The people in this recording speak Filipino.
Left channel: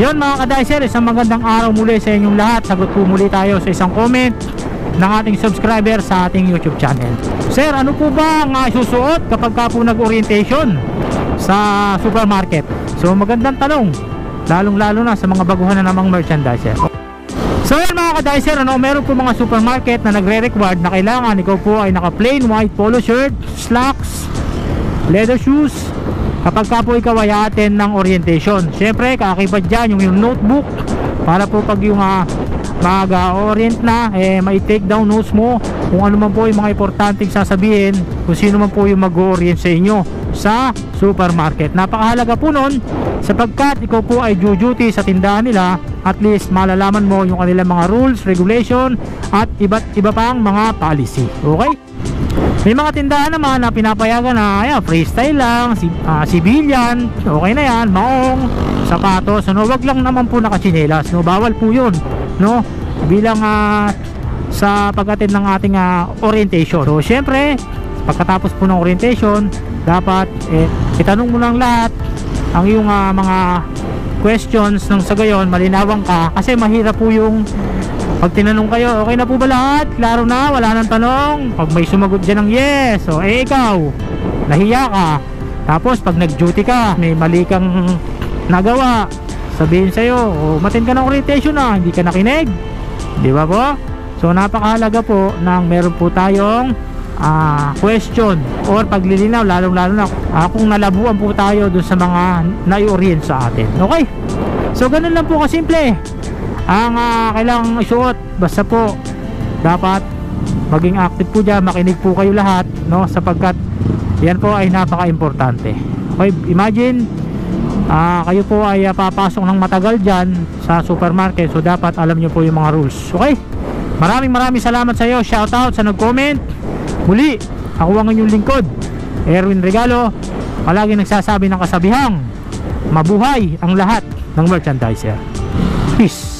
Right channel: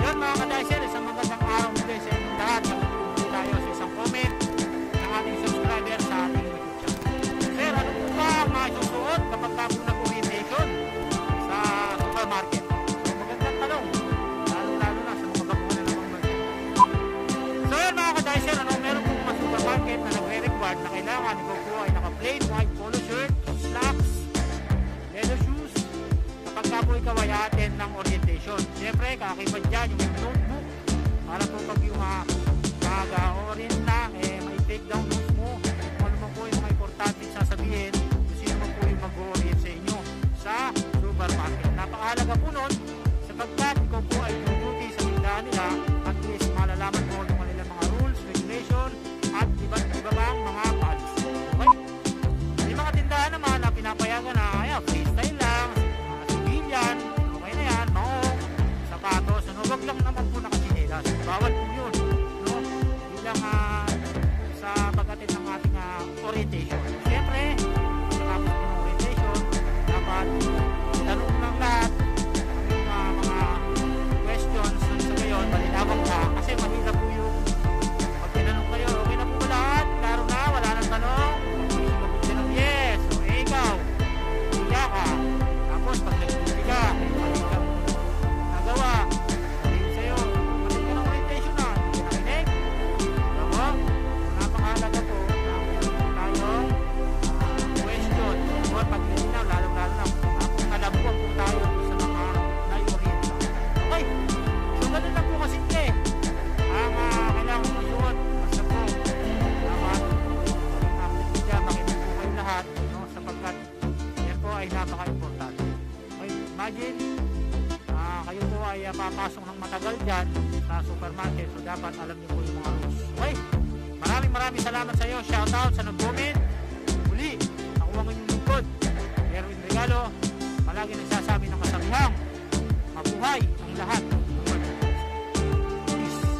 Yun mga ka-Dicer, isang magandang araw muli sa inyong lahat. Sagot po muli tayo sa isang comment ng ating subscriber sa ating YouTube channel. Sir, ano po ba ang isusuot kapag ka po nag-orientation sa supermarket? So magandang tanong, lalong lalo na sa mga baguhan na namang merchandiser. So yun mga ka-Dicer, meron po mga supermarket na nagre-required na kailangan ikaw po ay naka plain white polo shirt, slacks, leather shoes kapag ka po ikaw ay attend ng orientation. Siyempre kakaiba dyan yung notebook para po pag yung mag-orient na, mai-take down notes mo kung ano man po yung mga importanteng sasabihin kung sino man po yung mag-orient sa inyo sa supermarket. Napakahalaga po nun sapagkat ikaw po ay duty sa tindahan nila, at least malalaman mo yung kanilang mga rules, regulation at iba't iba pang mga policy. Okay? May mga tindahan naman na pinapayagan na freestyle lang, civilian, okay na yan, maong, sapatos, wag lang naman po nakachinelas, bawal po yun, bilang sa pag-attend ng ating orientation. So syempre pagkatapos po ng orientation, dapat itanong mo ng lahat ang iyong mga questions nang sa gayon malinawan ka, kasi mahirap po yung pag tinanong kayo, okay na po ba lahat? Klaro na, wala nang tanong. Pag may sumagot dyan ng yes, so ikaw nahiya ka. Tapos pag nag-duty ka, may mali kang nagawa, sabihin sa'yo, umattend ka ng orientation na, hindi ka nakinig, di ba po? So napakahalaga po nang meron po tayong question or paglilinaw, lalong lalo na kung nalabuan po tayo dun sa mga nai-orient sa atin. Okay? So ganun lang po kasimple ang kailangang isuot. Basta po dapat maging active po dyan, makinig po kayo lahat, sapagkat yan po ay napaka-importante. Okay? Imagine kayo po ay papasok ng matagal dyan sa supermarket, so dapat alam nyo po yung mga rules. Okay? Maraming salamat sa iyo. Shoutout sa nag-comment. Muli, ako ang inyong lingkod, Erwin Regalo, palagi nagsasabi ng kasabihang mabuhay ang lahat ng merchandiser. Peace.